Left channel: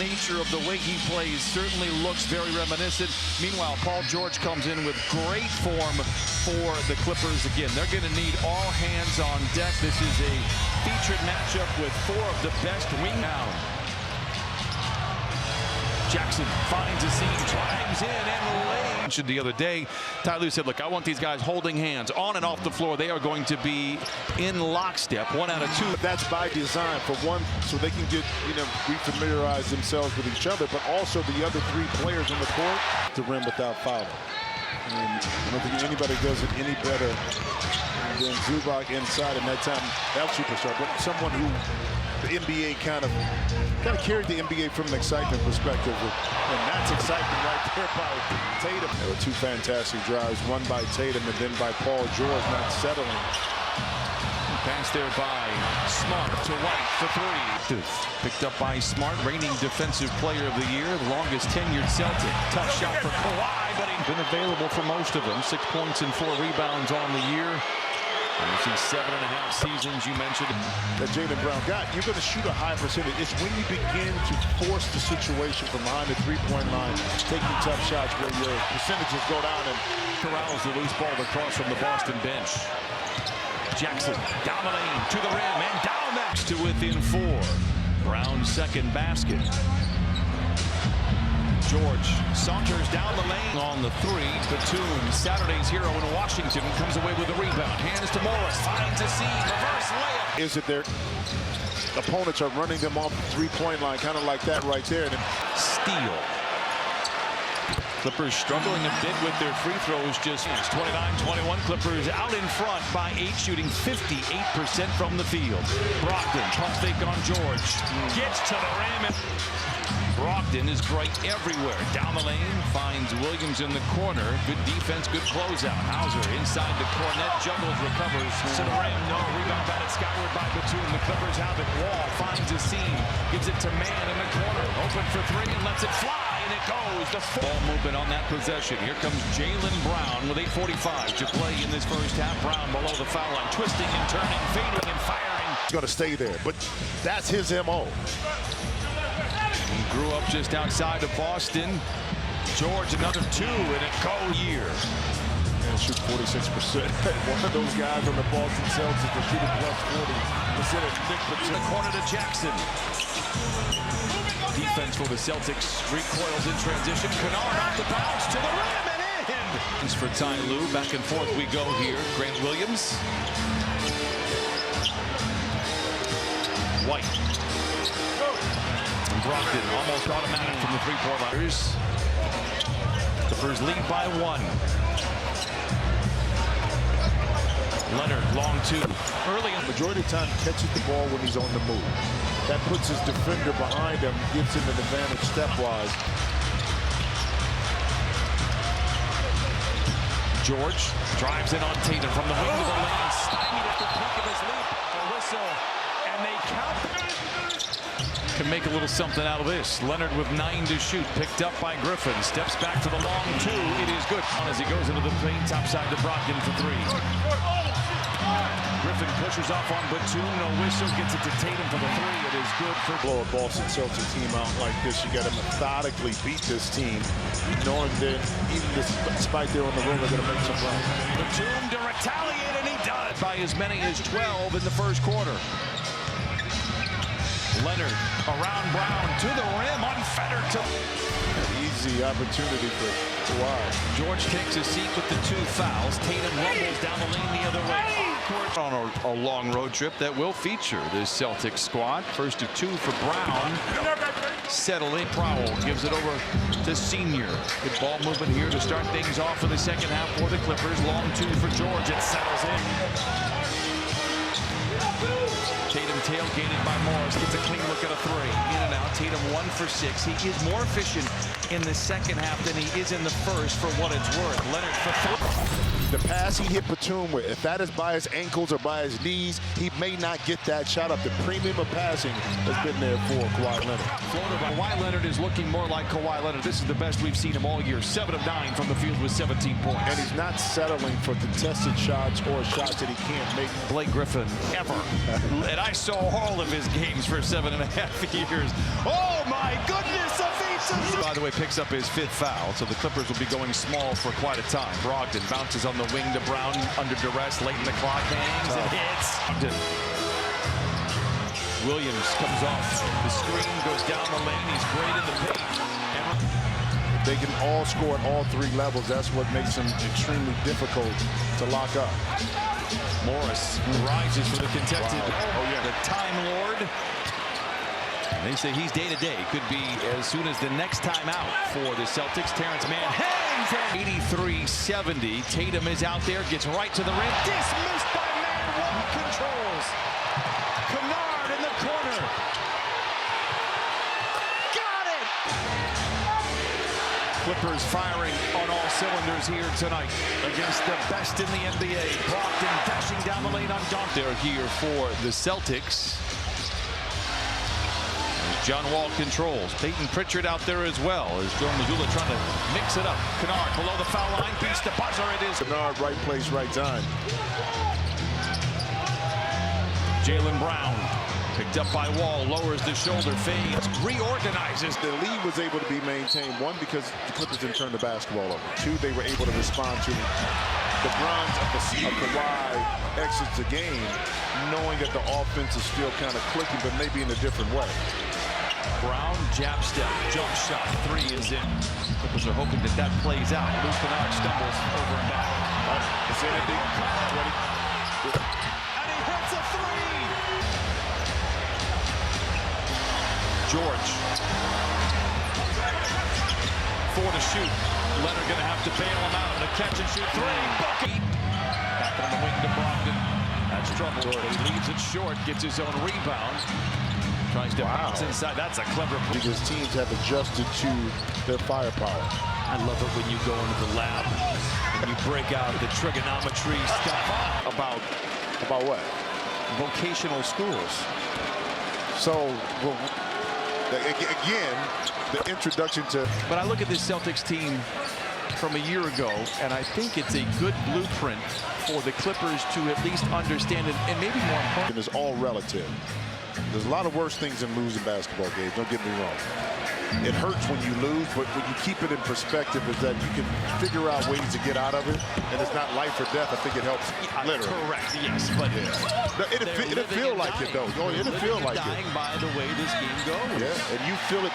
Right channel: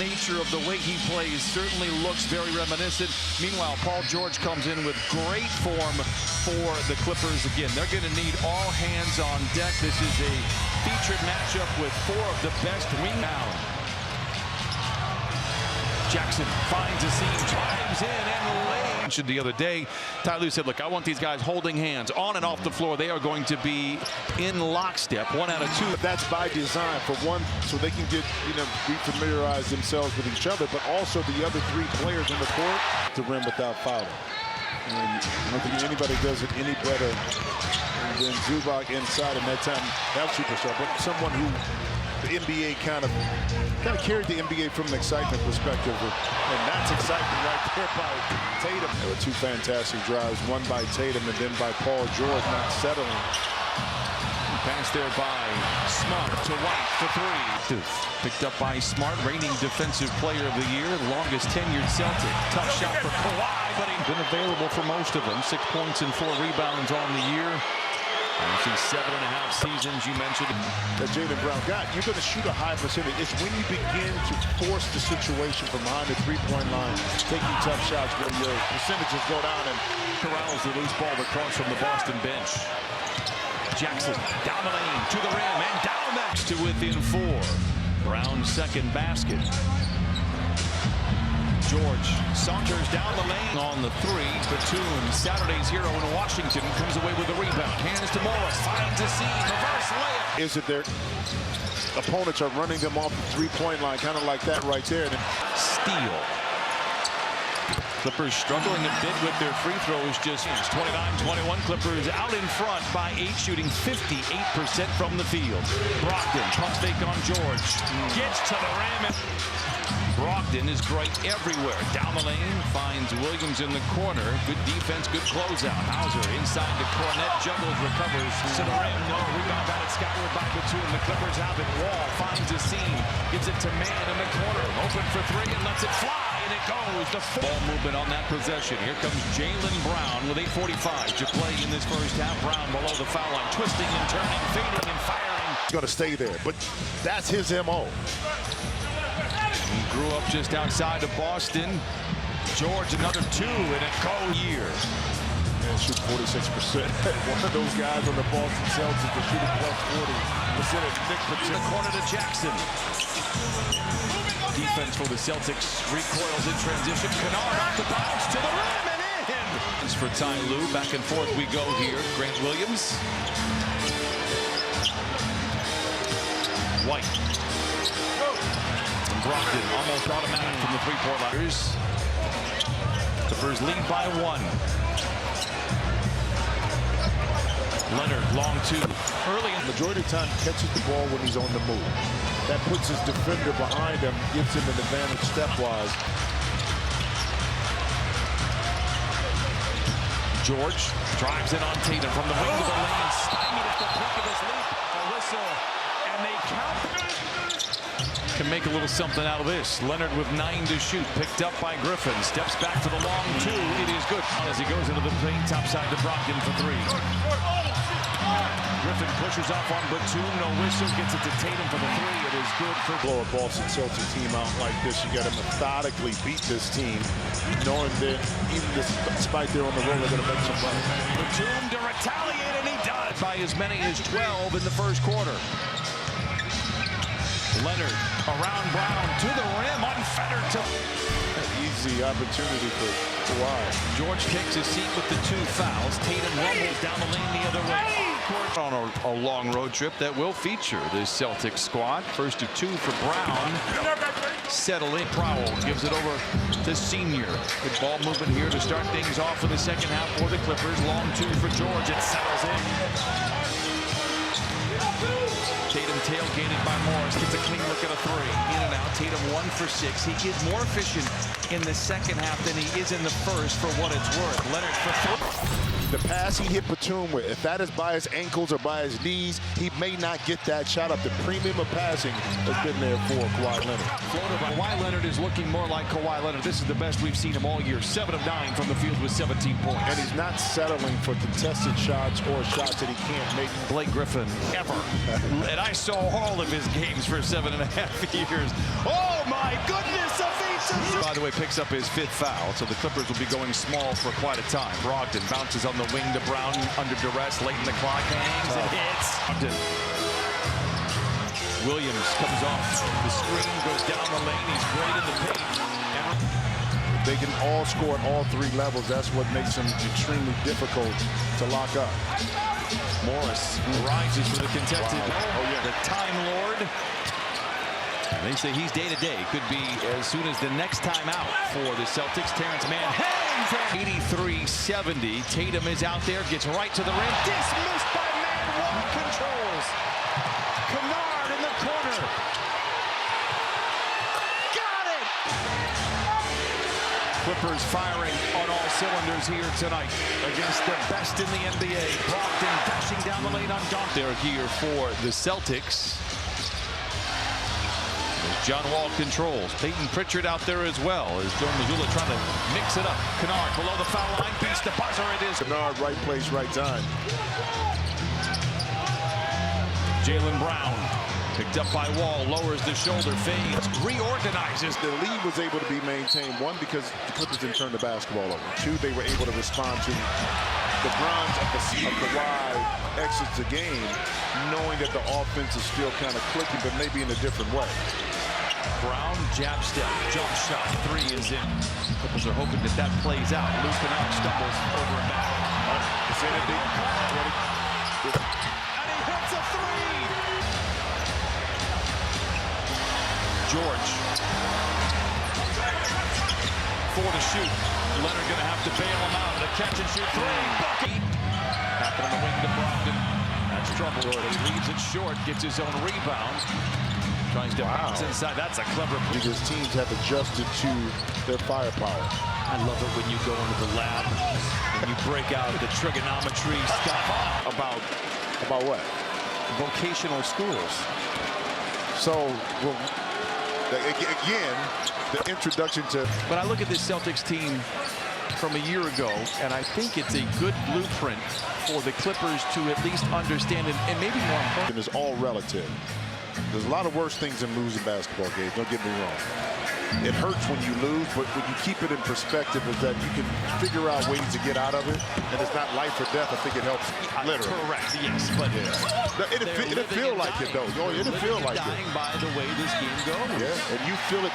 nature of the way he plays certainly looks very reminiscent. Meanwhile, Paul George comes in with great form for the Clippers. Again, they're going to need all hands on deck. This is a featured matchup with four of the best wing down. Jackson finds a seam, drives in and lays. The other day, Ty Lue said, look, I want these guys holding hands on and off the floor. They are going to be in lockstep, 1 out of 2. That's by design, for one, so they can get, refamiliarize themselves with each other, but also the other 3 players on the court to rim without fouling. And I don't think anybody does it any better than Zubac inside in that time. That superstar, but someone who the NBA kind of carried the NBA from an excitement perspective, and that's excitement right there by Tatum. There were 2 fantastic drives, one by Tatum and then by Paul George, not settling. Pass there by Smart to White for 3. Picked up by Smart, reigning defensive player of the year, the longest tenured Celtic. Tough shot for Kawhi, but he's been available for most of them. 6 points and 4 rebounds on the year. I see 7.5 seasons you mentioned. That Jaylen Brown got, you're going to shoot a high percentage. It's when you begin to force the situation from behind the 3-point line, taking tough shots where your percentages go down and corrals the loose ball across from the Boston bench. Jackson down the lane to the rim and down next to within 4. Brown's second basket. George saunters down the lane on the 3. Batum, Saturday's hero in Washington, comes away with a rebound. Hands to Morris, finds a seam, reverse layup. Is it their opponents are running them off the 3-point line, kind of like that right there. And steal. Clippers struggling a bit with their free throws. Just 29-21. Clippers out in front by 8, shooting 58% from the field. Brogdon pump fake on George. Gets to the rim. And Brogdon is great everywhere. Down the lane, finds Williams in the corner. Good defense, good closeout. Hauser inside the Cornet, juggles, recovers to the rim. No, rebound batted skyward by Batum. The Clippers have it. Wall finds a seam, gives it to Man in the corner. Open for 3 and lets it fly, and it goes. The ball movement on that possession. Here comes Jaylen Brown with 8:45 to play in this first half. Brown below the foul line, twisting and turning, fading and firing. He's going to stay there, but that's his MO. He grew up just outside of Boston. George, another 2 in a year. And shoot 46%. One of those guys on the Boston Celtics to shoot a plus 40%. Nick Batum. The corner to Jackson. Defense for the Celtics recoils in transition. Kennard off the bounce to the rim and in. It's for Ty Lue. Back and forth we go here. Grant Williams. White. And Brogdon almost automatic from the 3-point line. Clippers lead by 1. Leonard, long 2. Early in the majority of the time catches the ball when he's on the move. That puts his defender behind him, gives him an advantage stepwise. George drives in on Tatum from the wing to the lane, stymied at the peak of his leap. A whistle, and they count. Can make a little something out of this. Leonard with 9 to shoot, picked up by Griffin. Steps back for the long 2. It is good as he goes into the paint, topside to Brogdon for 3. Griffin pushes off on Batum, no whistle, gets it to Tatum for the 3. It is good for blow a Boston Celtics team out like this. You got to methodically beat this team, knowing that even despite they're on the road, they're going to make some runs. Batum to retaliate, and he does by as many as 12 in the first quarter. Leonard around Brown to the rim, unfettered to an easy opportunity for Kawhi. George takes a seat with the 2 fouls. Tatum rumbles down the lane the other way. Awkward on a long road trip that will feature this Celtics squad. First of 2 for Brown. Settling. Prowell gives it over to Senior. Good ball movement here to start things off for the second half for the Clippers. Long 2 for George. It settles in. Tatum tailgated by Morris, gets a clean look at a 3. In and out. Tatum 1 for 6. He is more efficient in the second half than he is in the first, for what it's worth. Leonard for 3. The pass he hit Batum with, if that is by his ankles or by his knees, he may not get that shot up. The premium of passing has been there for Kawhi Leonard. Floater by Kawhi Leonard is looking more like Kawhi Leonard. This is the best we've seen him all year. 7 of 9 from the field with 17 points. And he's not settling for contested shots or shots that he can't make. Blake Griffin, ever. And I saw all of his games for 7.5 years. Oh my goodness! By the way, picks up his 5th foul, so the Clippers will be going small for quite a time. Brogdon bounces on the wing to Brown under duress, late in the clock, hangs and hits. Brogdon. Williams comes off the screen, goes down the lane. He's great in the paint. And they can all score at all 3 levels. That's what makes them extremely difficult to lock up. Morris rises for the contested. Wow. Oh, yeah. The Time Lord. And they say he's day-to-day. Could be as soon as the next time out for the Celtics. Terrence Mann hangs at 83-70. Tatum is out there, gets right to the rim. Dismissed by Mann. Wall controls. Kennard in the corner. Got it! Clippers firing on all cylinders here tonight against the best in the NBA. Brogdon dashing down the lane on Dunk. They're here for the Celtics. As John Wall controls. Peyton Pritchard out there as well as Joe Mazzulla trying to mix it up. Kennard below the foul line, beats the buzzer. It is Kennard, right place, right time. Jaylen Brown picked up by Wall, lowers the shoulder, fades, reorganizes. The lead was able to be maintained, 1, because the Clippers didn't turn the basketball over. 2, they were able to respond to the bronze of Kawhi exits the game, knowing that the offense is still kind of clicking, but maybe in a different way. Brown, jab step, jump shot, 3 is in. Clippers are hoping that that plays out. Luke Kennard stumbles over and back. It's in it. And he hits a 3! George. 4 to shoot. Leonard going to have to bail him out. The catch and shoot 3. Bucket. Back on the wing to Brogdon. That's trouble. He leaves it short. Gets his own rebound. Tries to bounce inside. That's a clever play. Because teams have adjusted to their firepower. I love it when you go into the lab and you break out the trigonometry stuff. About what? Vocational schools. So, well, again, the introduction to. But I look at this Celtics team from a year ago, and I think it's a good blueprint for the Clippers to at least understand it, and maybe more important. It's all relative. There's a lot of worse things than losing basketball games. Don't get me wrong. It hurts when you lose, but when you keep it in perspective, is that you can figure out ways to get out of it, and it's not life or death. I think it helps. Literally. Correct. Yes, but It'll feel like it though. It'll feel like it. Dying by the way this game goes. Yeah, and you feel it.